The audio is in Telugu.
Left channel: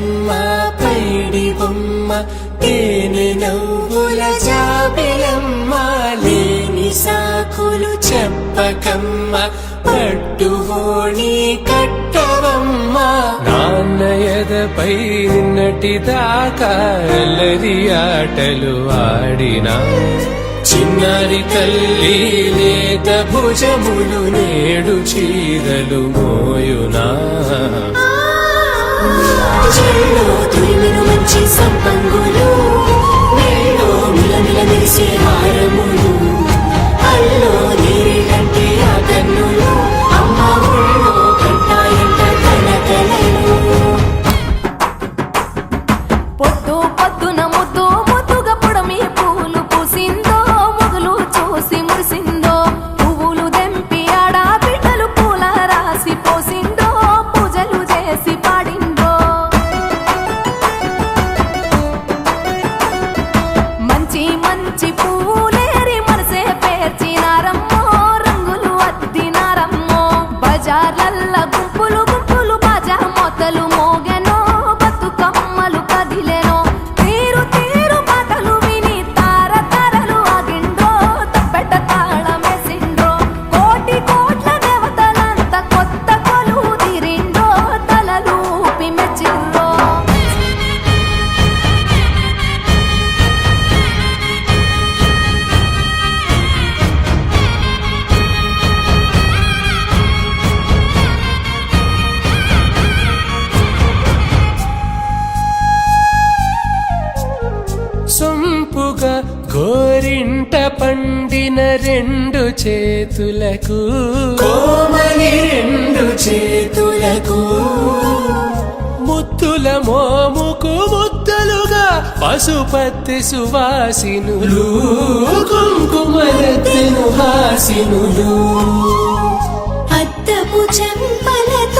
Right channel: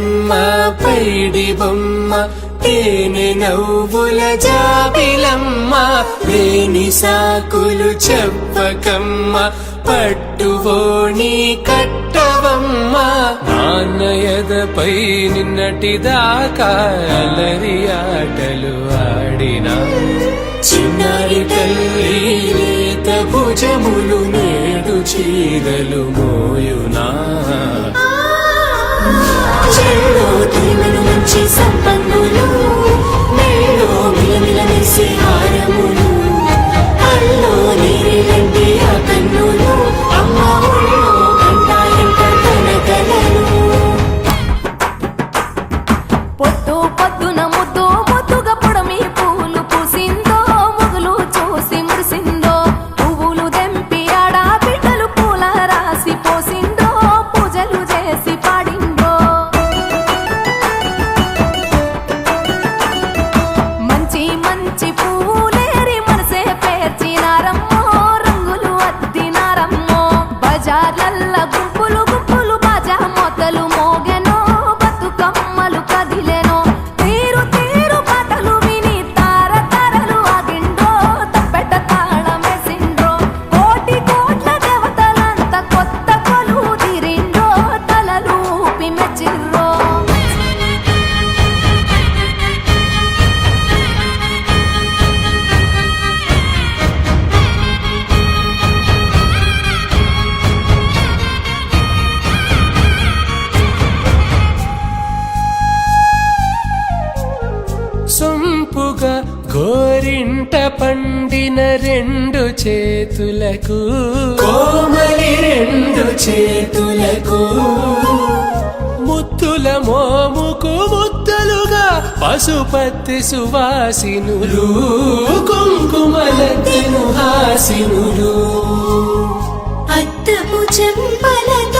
బొమ్మ పైడి బొమ్మ తేనె నవ్వుల జాబిలమ్మ లేని సాకులు చెప్పకమ్మ పట్టుబోణి కట్టవమ్మ నాన్నయదపై నిన్నటిదాకా అల్లరి ఆటలు ఆడినా చిన్నారి తల్లి లేత భుజములు నేడు చీరలు మోయునా చెల్లో తురిమిను మంచి సంపంగులు మెల్లో మిలమిల మెరిసే హారములు అల్లో నీరిలంటే ఆ కన్నులు అమ్మ ఒళ్ళో కంటాయంట కలకలను పొద్దు పొద్దున ముద్దు ముద్దుగా పొడమి పూలు పూసిందో మొగులు చూసి మురిసిందో పువ్వులు దెంపి ఆడా బిడ్డలు పూల రాసి పోసిందో పూజలు చేసి పాడిండ్రో మంచి మంచి పూలేరి మనసే పేర్చినారమ్మో రంగులు అద్దినారమ్మో బజార్లల్ల గుంపులు గుంపులు బాజా మొత్తలు మోగెనో బతుకమ్మలు కదిలెనో తీరు తీరు పాటలు విని తార తారలు ఆగిండ్రో తప్పెట తాళమేసిండ్రో కోటి కోట్ల దేవతలంత కొత్త కొలు తీరిండ్రో తలలు ఊపి మెచ్చిర్రో సొంపుగా గోరింట పండిన రెండు చేతులకు కోమలి రెండు చేతులకు ముత్తుల మోముకు ముద్దలుగా పసుపత్తి సువాసినులు కుంకుమలెత్తిను హాసినులు అద్దపు చెంపలతో